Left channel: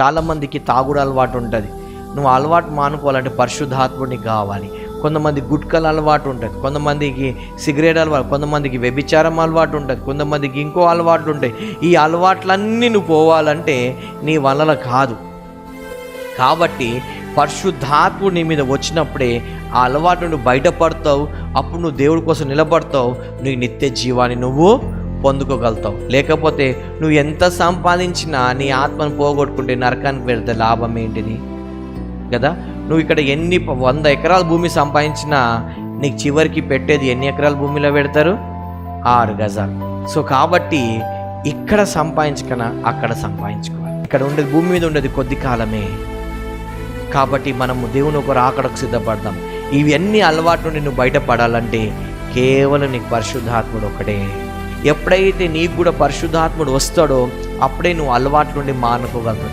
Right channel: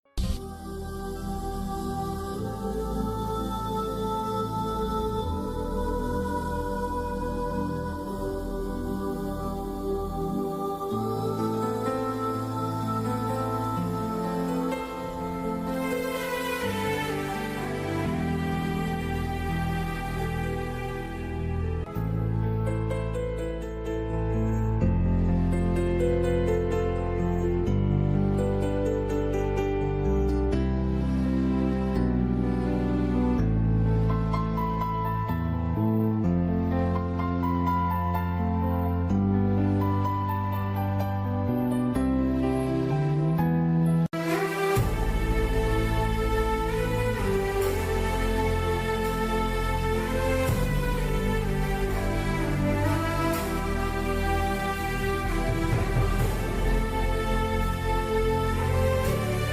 చాలామందికి తాగుడు అలవాటు ఉంటుంది. నువ్వు అలవాటు మానుకోవాలంటే పరిశుద్ధాత్ముడిని కావాలి. కొంతమంది గుట్కల అలవాటు ఉంటుంది, కొంతమందికి సిగరెట్ అలవాటు, కొంతమందికి వ్యభిచారం అలవాటు ఉంటుంది, కొంతమందికి ఇంకో అలవాట్లు ఉంటాయి. ఈ అలవాట్లన్నీ నువ్వు పోవాలంటే నీ వల్ల కాదు. కాబట్టి పరిశుద్ధాత్ముడు నీ మీద వచ్చినప్పుడే ఆ అలవాటు నువ్వు బయటపడతావు. అప్పుడు నువ్వు దేవుడి కోసం నిలబడతావు. నీ నిత్య జీవాన్ని నువ్వు పొందుకోగలుగుతావు. లేకపోతే నువ్వు ఎంత సంపాదించినా నీ ఆత్మను పోగొట్టుకుంటే నరకానికి పెడితే లాభం ఏంటిది కదా. నువ్వు ఇక్కడ 100 ఎకరాల భూమి సంపాదించినా నీకు చివరికి పెట్టేది ఎన్ని ఎకరాల భూమిలో పెడతారు? 6 గజాలు. సో కాబట్టి ఇక్కడ సంపాదించకనా అక్కడ సంపాదించుకోవాలి. ఇక్కడ ఉండేది భూమి మీద ఉండేది కొద్ది కాలమే. కాబట్టి మనము దేవుని ఒక రాకడకు సిద్ధపడదాం. ఇవన్నీ అలవాటు నుండి నువ్వు బయటపడాలంటే కేవలం నీకు పరిశుద్ధాత్ముడు ఒకడే. ఎప్పుడైతే నీకు కూడా పరిశుద్ధాత్ముడు వస్తాడో అప్పుడే నువ్వు అలవాటు నుండి మానుకోగలవు.